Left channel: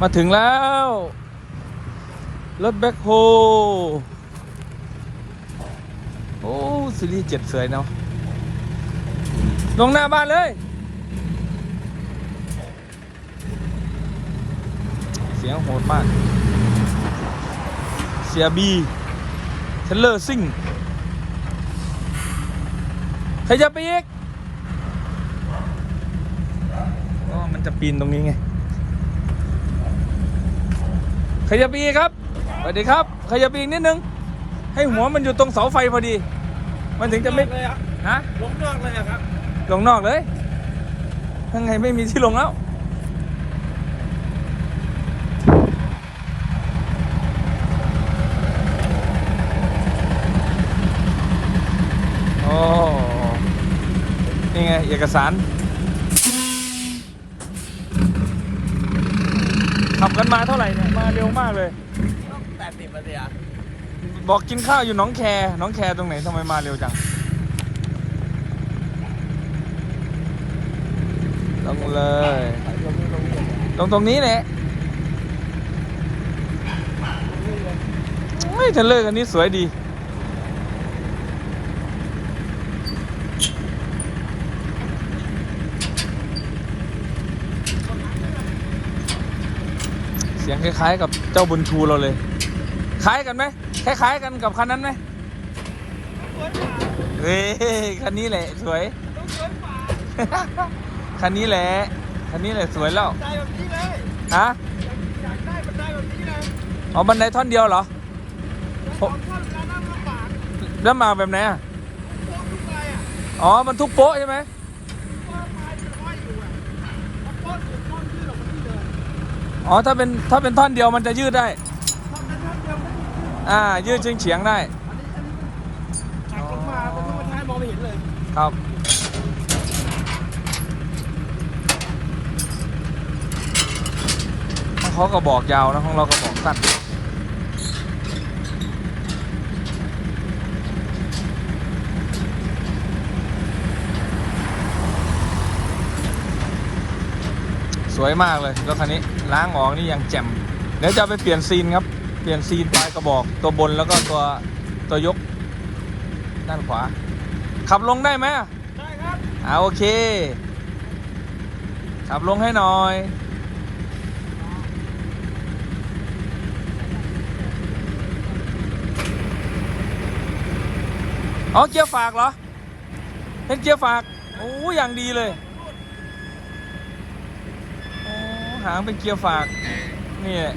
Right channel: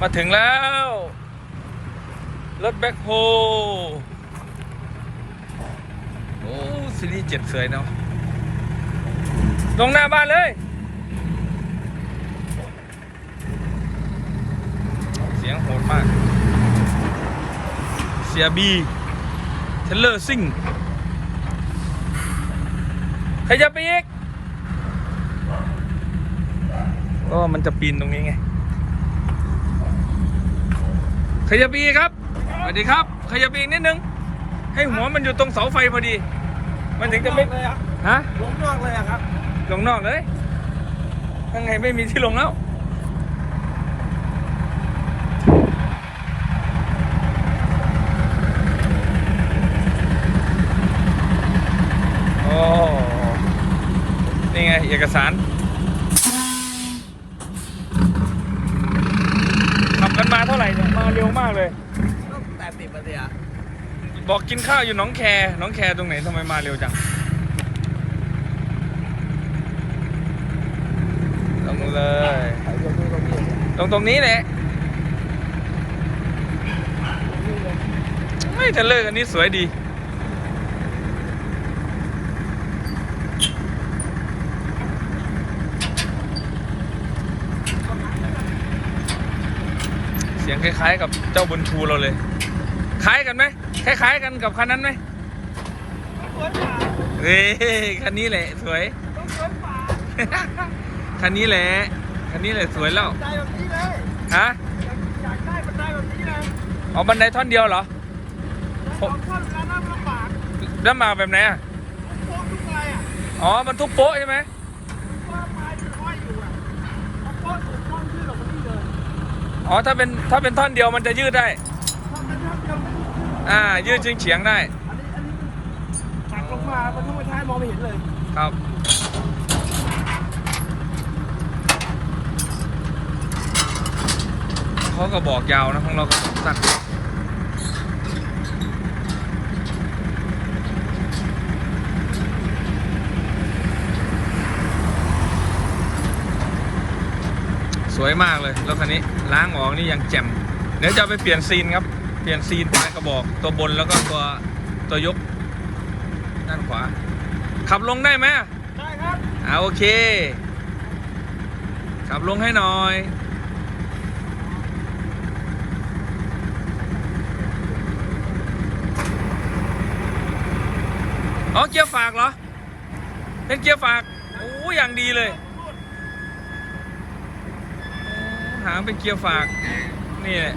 มาถึงแล้ว รถแบ็คโฮโอ้ซีรีส์เจ็ดสวยเนาะลงหน้าบ้านเลย เสียงโหดมาก เสียบีเทเลอร์ซิงขยับไปอีก ก็มันจะปีนตรงนี้ไง ขยับไปอีกครับสวัสดีครับ ขยับไปอีกนิดนึง ให้หัวมันอยู่ตรงเสาไฟพอดี มันถึงจะไม่เลยอะฮะลงนอกเลยอะครับลงนอกเลยยังไงไม่มีที่ลงแล้วโอ้นี่ไงเอกสาร ขับกันมาเท่าไหร่ มาเร็วมากเลย แปดสิบนาทีอะ บอ กินข้าวอยู่น้องแคน้องแคตรงไหนทำไมมาเร็วจังลงเลยตรงตรงนี้แหละไม่เทรลเลยอันนี้สวยดีเสียงคล้ายๆกับเจ้าบุญชูเราเลย คล้ายกันไหม คล้ายๆกันกับคันนั้นไหมสวยกว่าเฮ้ยคันนี้แหละสวย ต้องสวยกว่าคันนี้แหละ คันนี้แหละสวยแล้วใจแบบนี้เลยฮะอยากได้บันไดแบบนี้เลยเอาบันไดท่อนเดียวเหรอแล้วสองท่อนเวลานั่งลำบากแล้วมาแบบไหนอะโค้งทุกอะไรอะอ๋อมันทุกโป๊ะใช่ไหมว่าไม้เป็นห้อยอยู่อะพอโค้งถูกท่อนขึ้นออกมาที่เดินอ๋อถ้าเป็นถ้าเป็นท่อนเดียวมันจะยืดได้ ยืดเฉียงเฉียงๆได้ อันนี้อันนี้มันหักลงมาบรรทุกมาท้ายมองไม่เห็นเลย ครับเขาก็บอกยาวนะของเราก็บอกสั้นสวยมากเลยรถคันนี้ล้างออกนี่ยังแจ่มเดี๋ยวจะเอาไปเปลี่ยนซีนครับ เปลี่ยนซีนปลายกระบอกตัวบนแล้วก็ตัวตัวยกด้านขวา ขับลงได้ไหมอะได้ครับอ่าโอเค ขับลงให้หน่อยอ๋อเกียร์ฝากเหรอ เป็นเกียร์ฝากโอ้อย่างดีเลยโอ้หางเป็นเกียร์ฝาก นี่แหละ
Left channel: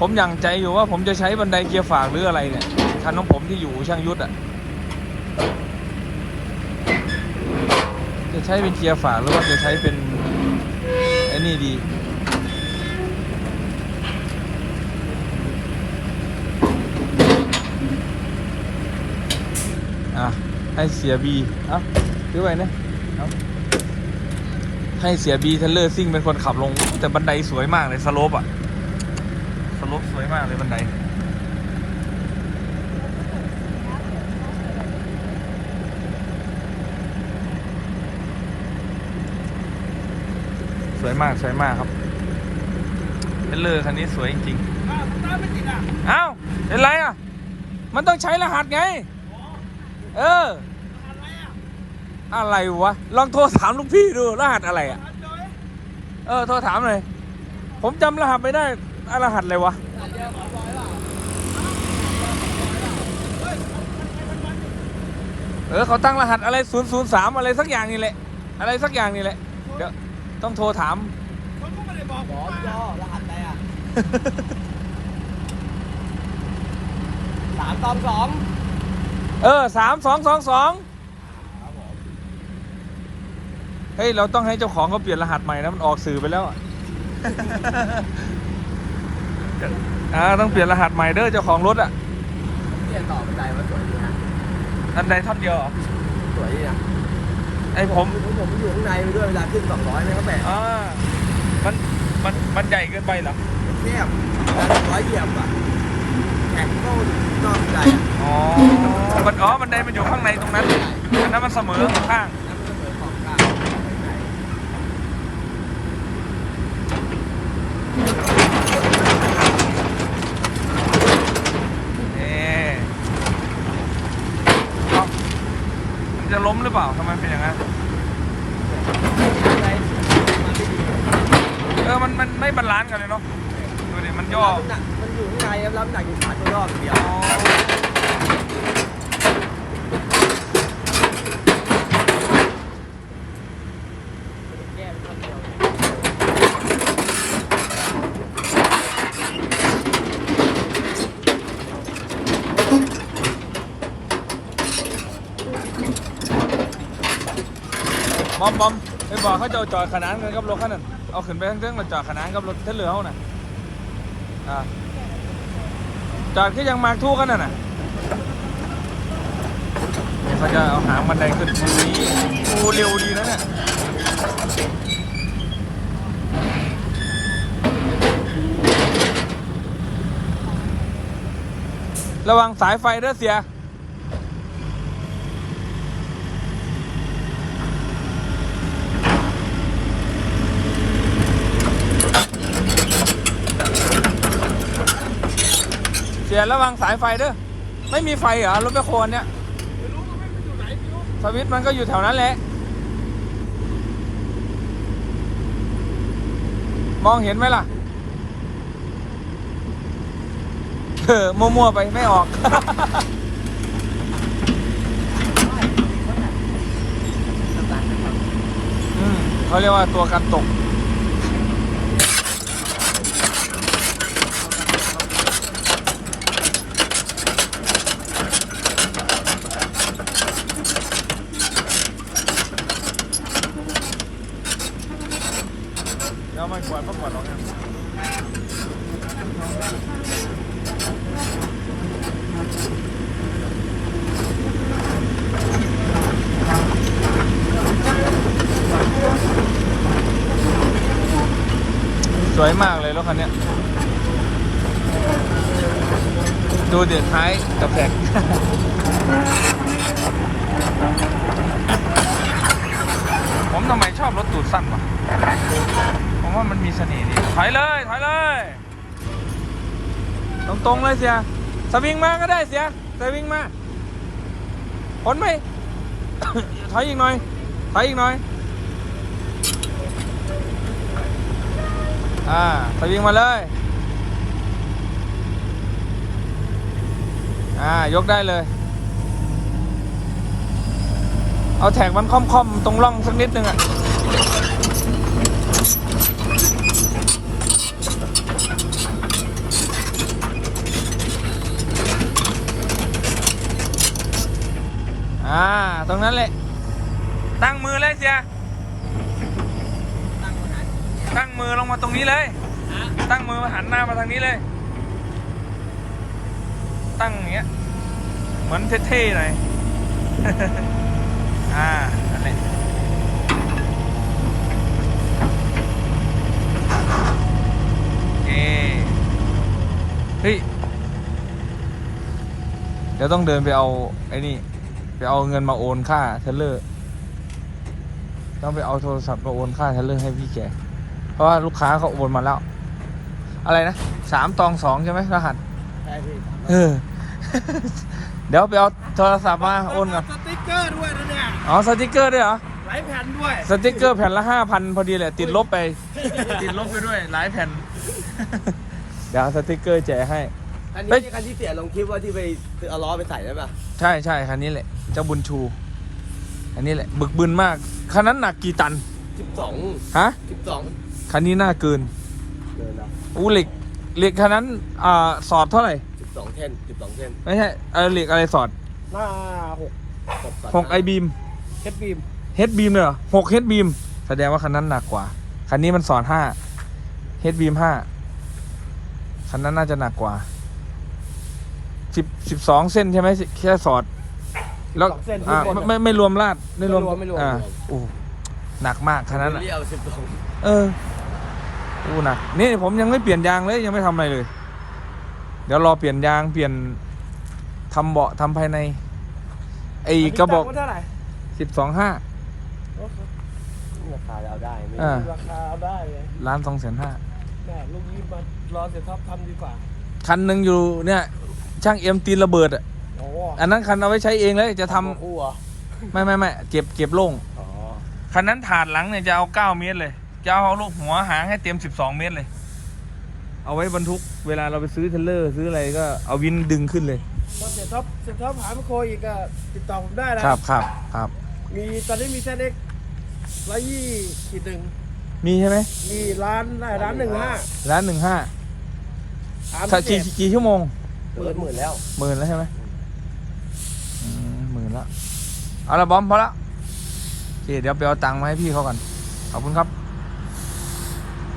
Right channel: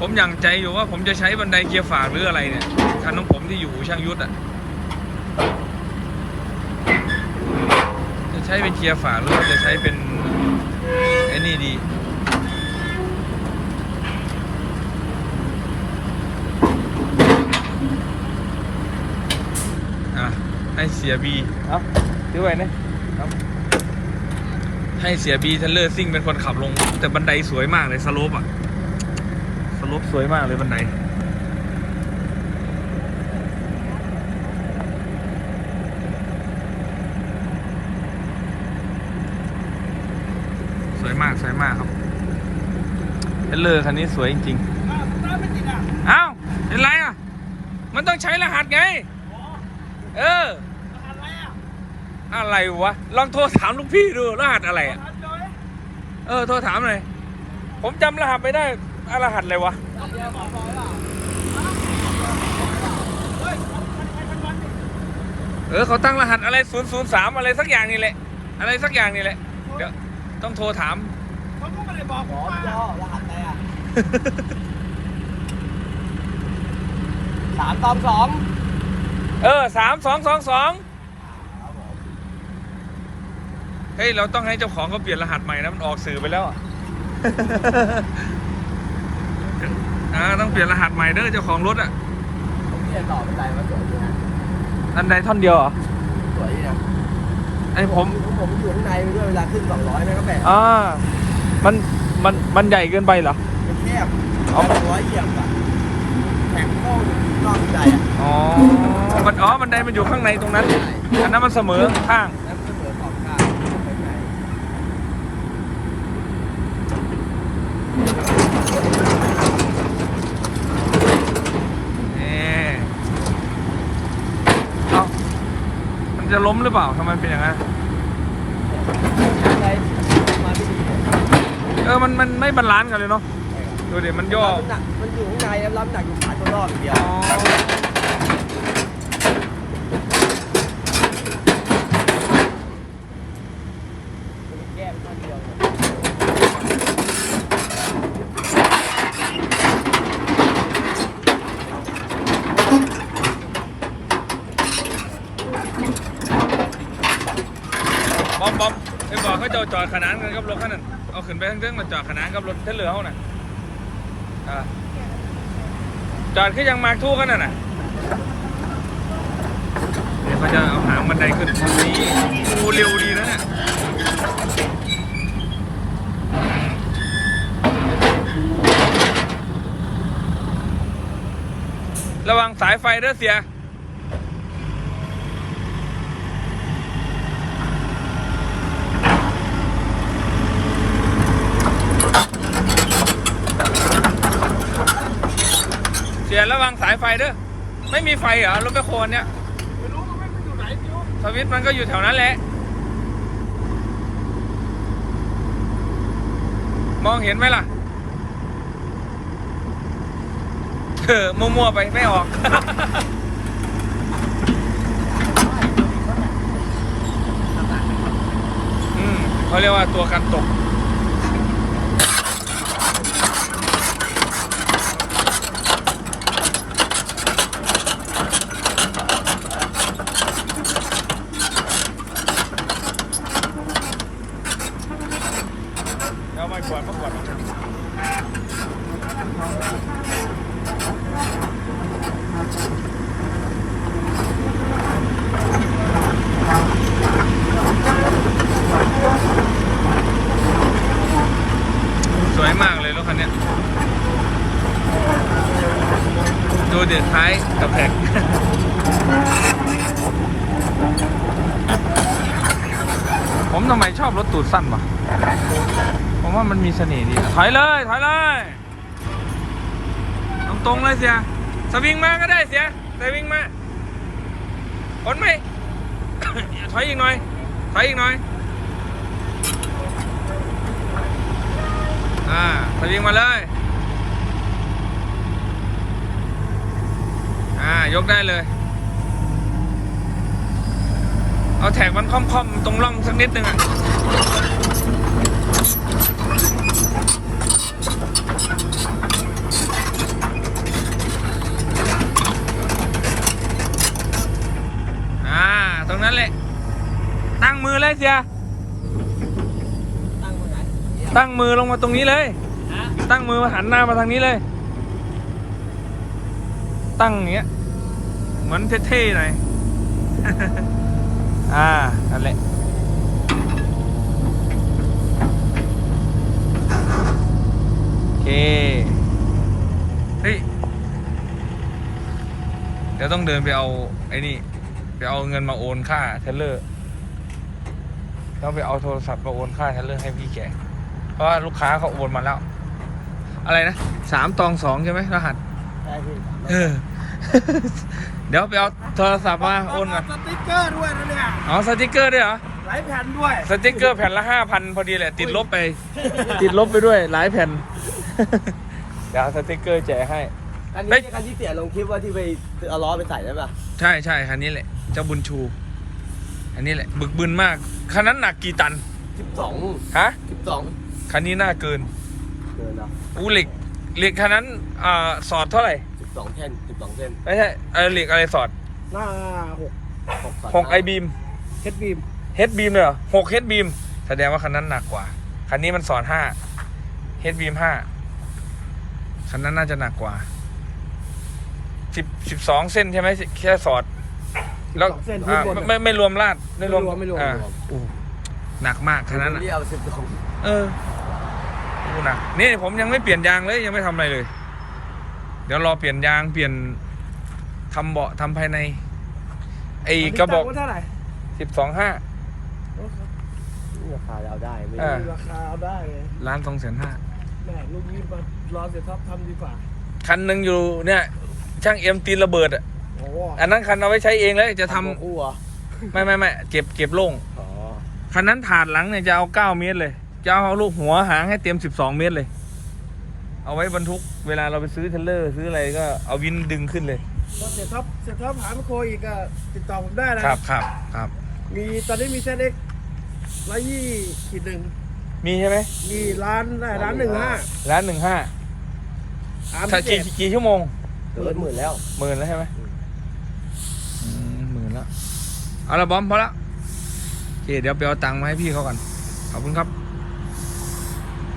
ผมยังใจอยู่ว่าผมจะใช้บันไดเกียร์ฝากหรืออะไรเนี่ยคันของผมที่อยู่ช่างยุทธอะจะใช้เป็นเกียร์ฝากหรือว่าจะใช้เป็นไอ้นี่ดีอะให้เสียบีเอ้าดูไว้นะให้เสียบีเทเลอร์ซิ่งเป็นคนขับลง แต่บันไดสวยมากเลยสโลปอะ ลปสวยมากเลยบันไดสวยมากสวยมากครับเทรลเลอร์คันนี้สวยจริงอ้าวตาไม่ติดอะๆเอ้าเป็นไรอะ มันต้องใช้รหัสไงอ๋อเอออะไรอะอะไรวะ ลองโทรถามลูกพี่ดูรหัสอะไรอะทันเลยเออ โทรถามหน่อย ผมจำรหัสไม่ได้อะ รหัสอะไรวะเฮ้ยคันคันใครคันมันนี่เออเขาตั้งรหัสอะไร 003 อะไรสักอย่างนี่แหละ อะไรสักอย่างนี่แหละ เดี๋ยวต้องโทรถามเขาก็ไม่ได้บอกผมว่าสามตอมสองเออสามสองสองสองเฮ้ย เราต้องให้เจ้าของเขาเปลี่ยนรหัสใหม่นะ มันออกสื่อไปแล้ว อ่าต้องเปลี่ยนรหัสใหม่เด้อเจ้าของรถอะเด็กต่อไปใจมาสวยอันใดท่อนเดียวเหรอสวยเนี่ยไอ้ผมผมอยู่ข้างในด้วยเวลาขึ้นสองร้อยเลยก็แต่อ่ามันมันมันใหญ่เกินไปเหรอเทียบเขาร้อยเหยียบอะแข็งเข้าเข้าใจอ๋อมันอ๋อมันไดมันอยู่ข้างในตรงนั้นอันนั้นมันเสมอข้าง เล้มหรือเปล่าทำไมเป็นอย่างนั้นเออมันมันไม่บาลานซ์กันเลยเนาะดูดิมันย่ออยู่ข้างในรับหนักอยู่พันยอดเดียว อ๋อบอมบอมเดี๋ยวบอกเขาจะเอาจอดขนานกันกับรถคันนั้น เอาขึ้นไปข้างเรื่องมาจอดขนานกับรถที่เหลือเขาน่ะอะ จอดขึ้นยังมาทู่กันน่ะนะเดี๋ยวเขาจะเอาหางบันไดขึ้นดูเร็วดีนะเนี่ยระวังสายไฟเด้อเสีย สียระวังสายไฟเด้อไม่มีไฟเหรอรถแมคโครเนี่ยไม่รู้ว่ามันอยู่ไหนไม่รู้สวิตช์มันก็อยู่แถวนั้นแหละมองเห็นไหมล่ะเออมั่วๆไปไม่ออก อืมเขาเรียกว่าตัวกันตก สวยมากเลยรถคันเนี้ยดูเด็ดท้ายกับแผง ผมทำไมชอบรถตูดสั้นวะผมว่ามันมีเสน่ห์ดี ถ อยเลย ถอยเลย ตรงๆเลยเสียสวิงมาก็ได้เสียสวิงมาผลไหมถอยอีกหน่อย ถอยอีกหน่อย อ่าสวิงมาเลย อ่า ยกได้เลย เอาแท็กมันค่อมๆ ตรงร่องสักนิดนึงอะ อ่า ต รงนั้นเลย ตั้งมือเลยเสีย ตั้งมือลงมาตรงนี้เลย ตั้งมือมาหันหน้ามาทางนี้เลย ตั้งอย่างเงี้ย เหมือนเท่ๆหน่อย อ่า นั่นแหละโอเคเฮ้ยเดี๋ยวต้องเดินไปเอาไอ้นี่ ไปเอาเงินมาโอนค่าเทเลอร์ต้องไปเอาโทรศัพท์มาโอนค่าเทเลอร์ให้พี่แกเพราะว่าลูกค้าเขาโอนมาแล้ว อะไรนะสามตองสองใช่ไหมรหัสใช่พี่เออเดี๋ยวไปเอาโทรศัพท์มาโอนก่อนสติ๊กเกอร์ด้วยนะเนี่ยอ๋อสติกเกอร์ด้วยเหรอหลายแผ่นด้วยสติกเกอร์แผ่นละห้าพันพอดีแหละติดลบไป ติดลบไปด้วยหลายแผ่น เดี๋ยวสติกเกอร์แจกให้ อันเฮ้นี้ยคันที่เสียลงคลิปว่าที่ไปเอาล้อไปใส่ได้ป่ะใช่ใช่คันนี้แหละ เจ้าบุญชู อันนี้แหละ บึกบึนมาก คันนั้นหนักกี่ตัน สิบสองฮะ สิบสองคันนี้น่าเกินเกินแล้วอู้เหล็ก เหล็กคันนั้น อ่า สอดเท่าไหร่สิบสองเส้นสิบสองเส้นไม่ใช่เออเหล็กอะไรสอดหน้าหกหกหกไอบีมเฮดบีมเฮดบีมเลยเหรอหกเฮดบีมแสดงว่าคันนั้นหนักกว่า คันนี้มันสอดห้าเฮดบีมห้าคันนั้นน่าจะหนักกว่า สิบสิบสองเส้นใช่ไหมแค่สอด แล้วสองเส้นที่อ่าบน ไม่ไม่รวมลาดไม่รวมไม่รวมอ่าไม่รวมโอ้หนักมากคันนั้นอะเรียวสิบสองเออดูหนักนี่ผมยังไม่เปลี่ยนยางเลยยังไม่ทำอะไรเลย เดี๋ยวรอเปลี่ยนยางเปลี่ยนทำเบาะทำภายใน ไอ้กระบอกเท่าไหร่สิบสองห้าราคาเราได้ไม่อ่าราคาเอาได้เลยล้านสองแสนห้า แม่ลูกนี้มารอเสียท็อปทำดีกว่าคันหนึ่งอยู่เนี่ย ช่างเอ็มตีนระเบิดอะโอ้โหอันนั้นคันเอาไว้ใช้เองเลยจะทำคู่เหรอไม่ไม่ไม่เก็บเก็บโล่งอ๋อคันนั้นถาดหลังเนี่ยจะเอาเก้าเมตรเลย จะเอาลูกหัวหางให้เต็มสิบสองเมตรเลย เอาไว้บรรทุกเวลาเราไปซื้อเทรลเลอร์ซื้ออะไรก็เอาวินดึงขึ้นเลยก็เสียท็อปเสียท็อปหาไมโครอีกก็ติดต่อผมได้นะ ครับครับครับมีตอนนี้มีเซตเอ็กร้อยยี่ขีดหนึ่งมีใช่ไหมมีร้านได้ร้านหนึ่งห้าร้านหนึ่งห้าสามถ้าเจ็กี่ดกี่ชั่วโมง เกินหมื่นแล้ว หมื่นแล้วใช่ไหมอืมหมื่นละเอาละบอมพอละโอเคเดี๋ยวไปเอาตังค์มาให้พี่เขากันขอบคุณครับ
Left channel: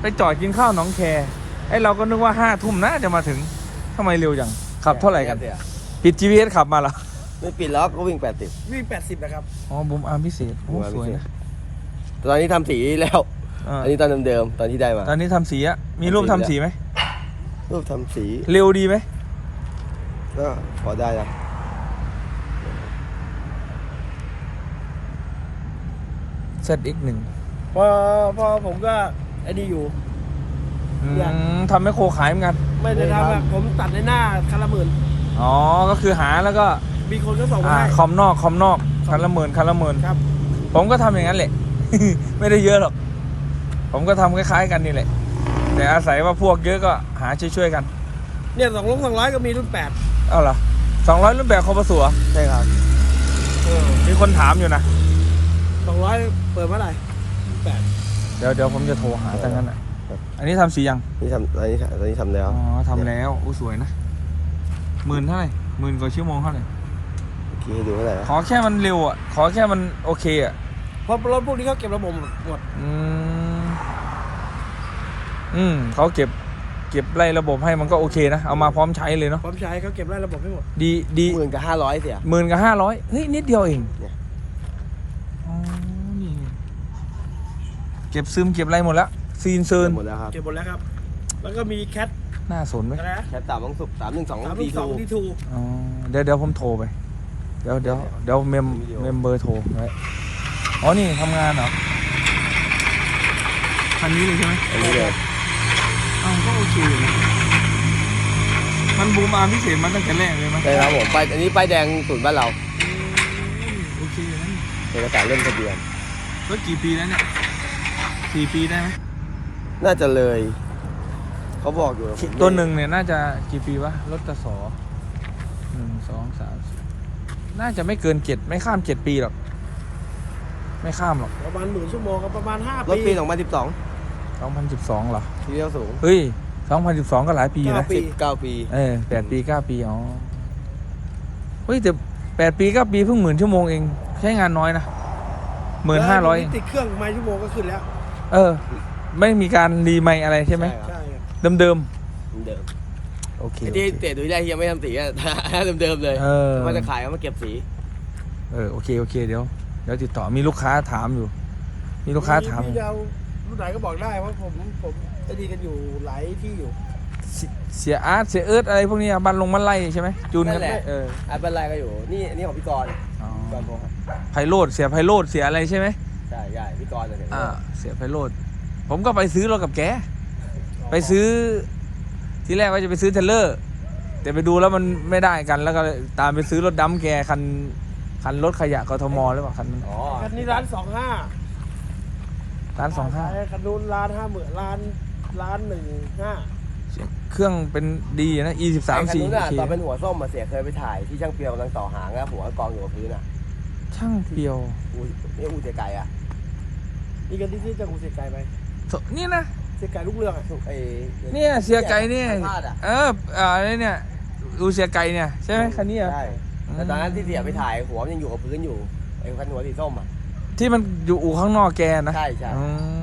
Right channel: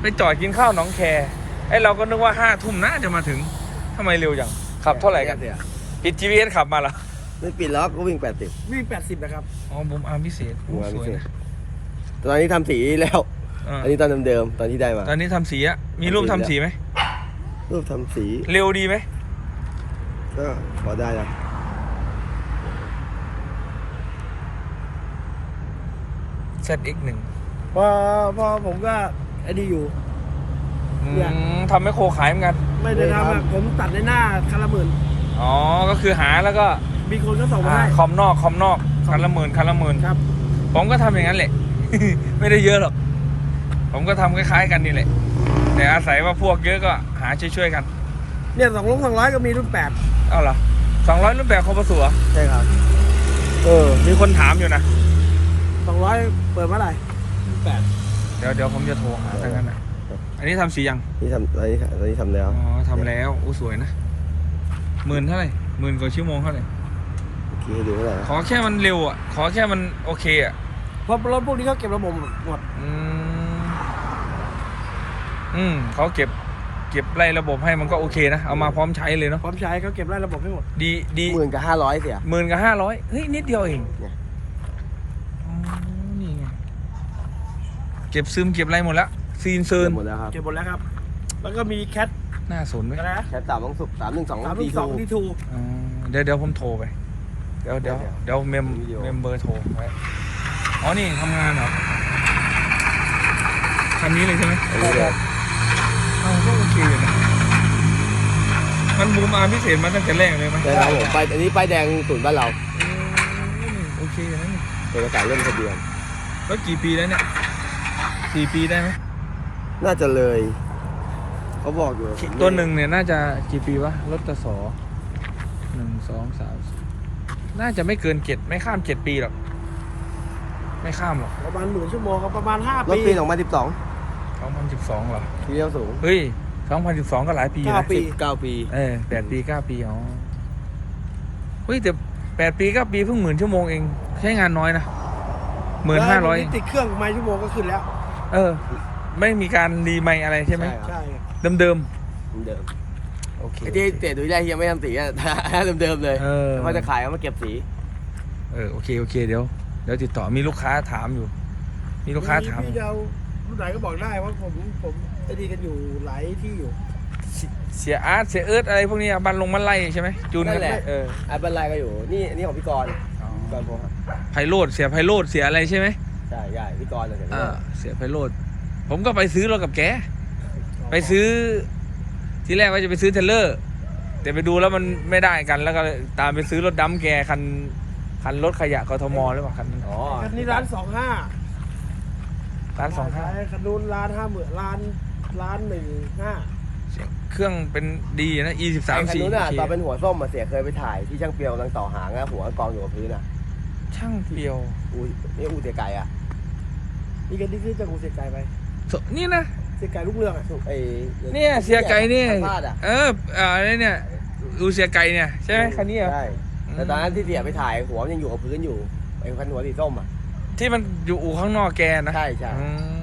ไปจอดกินข้าวหนองแคไอ้เราก็นึกว่าห้าทุ่มน่าจะมาถึงทำไมเร็วจังขับเท่าไหร่กันเสียผิด GPS ขับมาเหรอไม่ปิดล็อกก็วิ่งแปดสิบวิ่งแปดสิบนะครับ อ๋อบุมอาร์มพิเศษโอ้สวยนะตอนนี้ทำสีแล้วอ่าอันนี้ตอนเดิมๆตอนที่ได้มา ตอนนี้ทำสีอะมีรูปทำสีไหมรูปทำสี เร็วดีไหม ก็พอได้นะเซตอีกหนึ่งพอพอผมก็ไอ้นี่อยู่อืเนี่ยมทำให้โคขายเหมือนกัน ไม่ได้ทำแบบผมตัดในหน้าคันละหมื่นอ๋อ ก็คือหาแล้วก็มีคนก็ส่งมาให้ คอมนอกคอมนอกคันละหมื่นคันละหมื่นครับ ผมก็ทำอย่างนั้นแหละ ไม่ได้เยอะหรอก ผมก็ทำคล้ายๆกันนี่แหละ แต่อาศัยว่าพวกเยอะก็หาช่วยๆกัน เนี่ยสองลงสองร้อยก็มีรุ่นแปด เอาเหรอสองร้อยรูปแบบคอปสัวใช่ครับ เออ มีคนถามอยู่นะสองร้อยเปิดเมื่อไหร่รุ่นแปดเดี๋ยวเดี๋ยวผมจะโทรหาทั้งนั้นอะอันนี้ทำสียังนี่ทำอันนี้อันนี้ทำแล้วอ๋อทำแล้วอู้สวยนะหมื่นเท่าไหร่หมื่นกว่าชั่วโมงเท่าไหร่เมื่อกี้ให้ดูเท่าไหร่นะขอแค่มันเร็วอะขอแค่มันโอเคอะเพราะรถพวกนี้เขาเก็บระบบหมดอืมอืมเขาเก็บเก็บไล่ระบบให้มันก็โอเคนะ เอามาพร้อมใช้เลยเนาะพร้อมใช้เขาเก็บไล่ระบบให้หมด ดีดีหมื่นกับห้าร้อยเสียหมื่นกับห้าร้อยเฮ้ยนิดเดียวเองเนี่ยอ๋อนี่ไงเก็บซึมเก็บอะไรหมดแล้วซีนเซิร์นหมดแล้วครับเก็บหมดแล้วครับ แล้วก็มีแคทน่าสนไหมอะไรนะแค่สามต้องสุกสามหนึ่งสองสามดีสองทูดีทูอ๋อเดี๋ยวเดี๋ยวผมโทรไป เดี๋ยวเดี๋ยวเดี๋ยวเดี๋ยวเมมวิดีโอเมมเบอร์โทรไว้อ๋อนี่ทำงานเหรอคันนี้เลยใช่ไหมอันนี้ เลยอ้าวก็โอเคอยู่นะมันบูมอาร์มพิเศษมาตั้งแต่แรกเลยไหมใช่ครับผมไปอันนี้ป้ายแดงศูนย์บ้านเราอืมโอเคนะนี่เป็นประกาศเล่นทะเบียนรถกี่ปีแล้วเนี่ยสี่ปีได้ไหมน่าจะเลย เขาบอกอยู่ผมตัวหนึ่งเนี่ยน่าจะกี่ปีวะรถตะสอหนึ่งสองสามสี่น่าจะไม่เกินเจ็ดไม่ข้ามเจ็ดปีหรอกไม่ข้ามหรอกประมาณหมื่นชั่วโมงครับประมาณห้ารถปีปีสองพันสิบสองสองพันสิบสองเหรอเลี้ยวสูง เฮ้ย สองพันสิบสองก็หลายปีเก้านะปีสิบเก้าปี เออแปดปีเก้าปีอ๋อเฮ้ยแต่แปดปีเก้าปีเพิ่งหมื่นชั่วโมงเองใช้งานน้อยนะหมื่นห้าร้อยแล้วติดเครื่องไม้ชั่วโมงก็ขึ้นแล้ว เออ ไม่มีการรีไมค์อะไรใช่ไหมใช่ครับ ใช่ครับเดิมเดิมเดิมๆโอเค ไอ้ที่เตะดูได้ยังไม่ทำสีอะ เดิมๆเลยเออ แต่ว่าจะขายเอามาเก็บสีเออโอเคโอเคเดี๋ยวเดี๋ยวติดต่อมีลูกค้าถามอยู่ มีลูกค้าถาม พี่จะเอารุ่นไหนก็บอกได้ว่าผมผม ไอ้ดีกันอยู่หลายที่อยู่ เสียอาร์ตเสียเอิร์ธอะไรพวกนี้อะบันลงมันไล่ใช่ไหมจูนนั่กันนแหละ เอออันเป็นไรก็อยู่ นี่นี่ของพี่กรณ์กรณ์พงษ์ไพโรดเสียไพโรดเสียอะไรใช่ไหมใช่ใช่พี่กรณ์เลยเนี่ยอ่าเสียไพโรดผมก็ไปซื้อรถกับแกไปซื้อ ทีแรกว่าจะไปซื้อเทรลเลอร์ แต่ไปดูแล้วมันไม่ได้กันแล้วก็ตามไปซื้อรถดัมแกคันคันรถขยะกทมหรือเปล่าคันนั้นอ๋อคันนี้ร้านสองห้าร้านสองห้าคันนู้นร้านห้าหมื่นร้าน ร้านหนึ่งห้าเครื่องเป็นดีนะ e สิบสามไอ้คันสี่นู้นอะตอนเป็นหัวส้มมาเสียเคยไปถ่ายที่ช่างเปียวกำลังต่อหางอะหัวกองอยู่กับพื้นอะช่างเปียวอุ้ยนี่อูเจไก่อะนี่กันที่ซื้อจากกูเสียไก่ไปโถนี่นะ เสียไก่ลูกเรืออะไอ้เนี่ยเสียไก่เนี่ยพลาดอะเอออ่าอะไรเนี่ยดูเสียไก่เนี่ย ใช่ไหมคันนี้อะใช่แต่ตอนนั้นที่เสียไปถ่ายหัวมันยังอยู่กับพื้นอยู่ไอ้คันหัวสีส้มอะที่มันอยู่อู่ข้างนอกแกนะใช่ใช่ อืม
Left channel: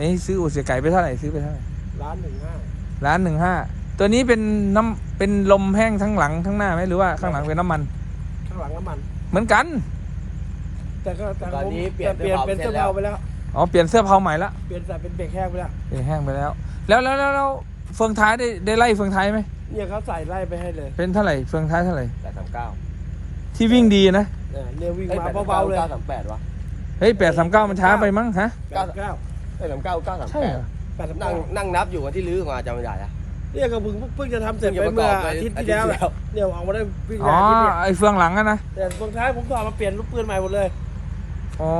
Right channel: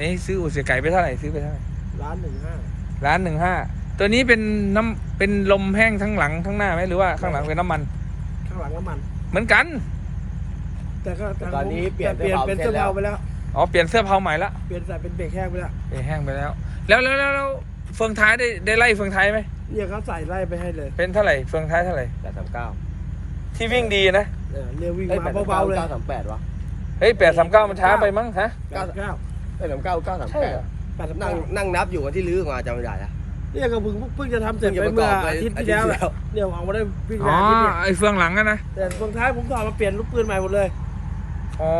นี่ซื้ออู่เสียไก่ไปเท่าไหร่ซื้อไปเท่าไหร่ร้านหนึ่งห้าร้านหนึ่งห้าตัวนี้เป็นน้ำเป็นลมแห้งทั้งหลังทั้งหน้าไหมหรือว่าข้างหลังเป็นน้ำมัน ข้างหลังน้ำมัน เหมือนกัน แต่ก็แต่ตอนนี้เปลี่ยนเปลี่ยนเป็นเสื้อเบาไปแล้วอ๋อเปลี่ยนเสื้อเผาใหม่ละเปลี่ยนใส่เป็นเบรกแห้งไปแล้วนี่แห้งไปแล้วแล้ว แล้วแล้วแล้วเฟืองท้ายได้ได้ไล่เฟืองท้ายไหมเนี่ยเขาใส่ไล่ไปให้เลย เป็นเท่าไหร่เฟืองท้ายเท่าไหร่แปดสามเก้าที่วิ่งดีนะเออเรียววิ่งมาเบาๆเลยเก้าสามแปดวะเฮ้ยแปดสามเก้ามันช้าไปมั้งฮะเก้าเก้า เอ้ยสามเก้าเก้าสามใช่แปดเหรอแปดสิบนั่งเก้านั่งนับอยู่กันที่ลื้อมาจำไม่ได้อะเนี่ยก็เพิ่งเพิ่งจะทำเสร็จไปเมื่ออาทิตย์ที่แล้วแหละเนี่ยออกมาได้วิ่งอ๋อได้นิดเดียวไอ้เฟืองหลังอะนะ แต่สุดท้ายผมก็เอามาเปลี่ยนลูกปืนใหม่หมดเลย อ๋อ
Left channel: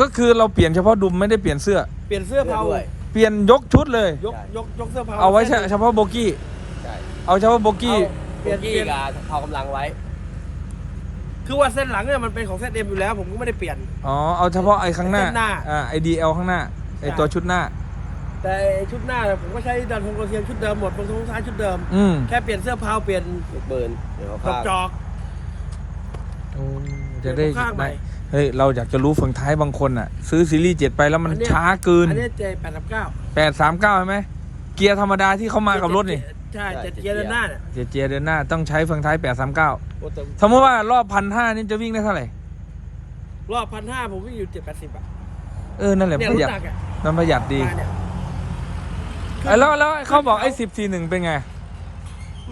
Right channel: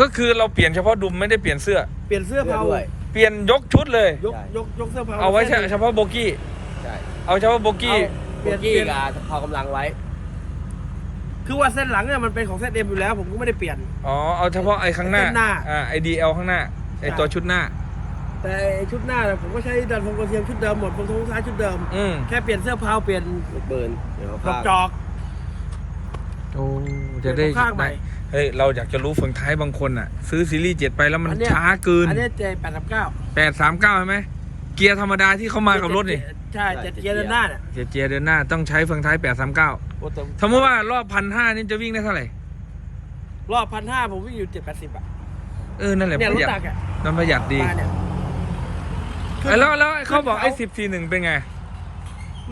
ก็คือเราเปลี่ยนเฉพาะดุมไม่ได้เปลี่ยนเสื้อ เปลี่ยนเสื้อเผาด้วยเปลี่ยนยกชุดเลย ยกยกยกเสื้อเผาเอาไว้เฉเฉพาะโบกี้ ใช่เอาเฉพาะโบกี้ เปลี่ยนกี้เปลี่ยนกับพอกำลังไว้ คือว่าเส้นหลังเนี่ยมันเป็นของเส้นเอ็มอยู่แล้ว ผมก็ไม่ได้เปลี่ยน อ๋อ เอาเฉพาะไอ้ข้างหน้าข้างหน้า อ่า ไอ้ดีเอลข้างหน้า ไอ้ใช่ตัวชุดหน้า แต่ไอ้ชุดหน้าเนี่ยผมก็ใช้ดันพงกระเทียมชุดเดิมหมดเป็นทุกท้ายชุดเดิม อืมแค่เปลี่ยนเสื้อเผาเปลี่ยนลูกปืนเดี๋ยวดเขาอกจพาอก โอ้จะได้เปลี่ยนข้างใหม่ เฮ้ยเราอยากจะรู้ฝั่งท้ายบางคนอะ ซื้อซีรีส์เจ็ดไปแล้วมันอันเนี้ย ช้าเกินอันนี้เจแปดสิบเก้าแปดสามเก้าใช่ไหมเกียร์ธรรมดาที่เขามากับรถนี่ใช่เจ็ดเกียร์ด้านหน้าเนี่ยเกียร์เกียร์เดินหน้าต้องใช้ฝั่งท้ายแปดสามเก้าโอ้แต่สมมติว่ารอบพันห้านี่จะวิ่งได้เท่าไหร่รอบพันห้าผมวิ่งอยู่เจ็ดแปดสิบอะเออนั่นแหละเนี่ยปรระถหยัดตักอะ มันประหยัดดีมาเนี่ยเอ้ยแล้วแล้วเขาบอกไอ้ขึ้สินบสี่หนึ่งเป็นไง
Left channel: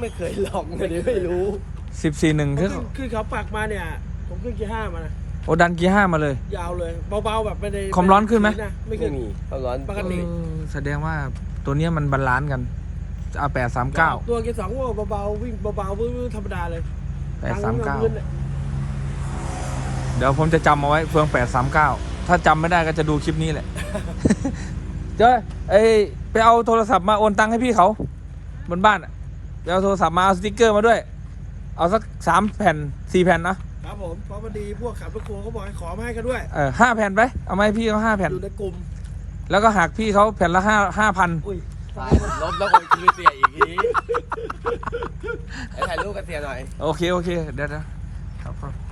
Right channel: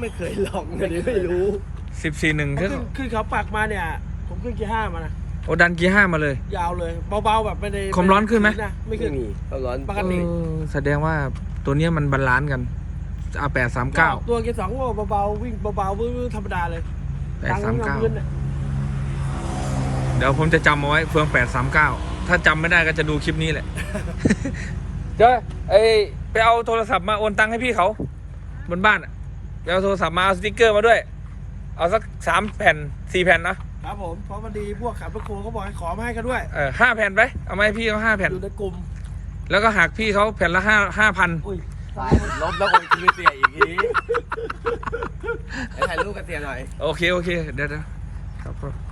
ไม่เคยลองไม่ได้ไม่รู้สิบสี่หนึ่งผมที่ขึ้นขึ้นเขาปักมาเนี่ย ผมขึ้นเกียร์ห้ามานะโอ้ดันเกียร์ห้ามาเลย ยาวเลยเบาๆแบบไม่ได้ความร้อนขึ้นไหมนะไม่ไม่ขึ้นมีความร้อนปกติเออแสดงว่าตัวเนี้ยมันบาลานซ์กันเอาแปดสามเก้าตัวเกียร์สองก็เบาๆวิ่งเบาๆวื้อๆธรรมดาเลยแปดสามเก้าทงพื้นนี่ยเดี๋ยวผมจะจำเอาไว้เฟืองแปดสามเก้า ถ้าจำไม่ได้ก็จะดูคลิปนี้แหละ เดี๋ยวเอ้ยไปเอาโทรศัพท์มาโอนตังค์ให้พี่เขา บนบ้านอะไปเอาโทรศัพท์มาเอาสติ๊กเกอร์มาด้วย เอาสักสามแผ่นสี่แผ่นนะครับผมเพราะพอดีพวกขับรถครัวเขาบอกให้ขอมาให้กันด้วยเออห้าแผ่นไปเอามาให้พี่เขาห้าแผ่น อยู่ในกลุ่มแล้วก็หักพี่เขาแผ่นละห้าห้าพันอุ้ยตายลบแล้วคนคือเสียอีกทีให้ถ่ายรูปกับเสียหน่อย โอเค โอเค เดี๋ยวเดี๋ยวครับ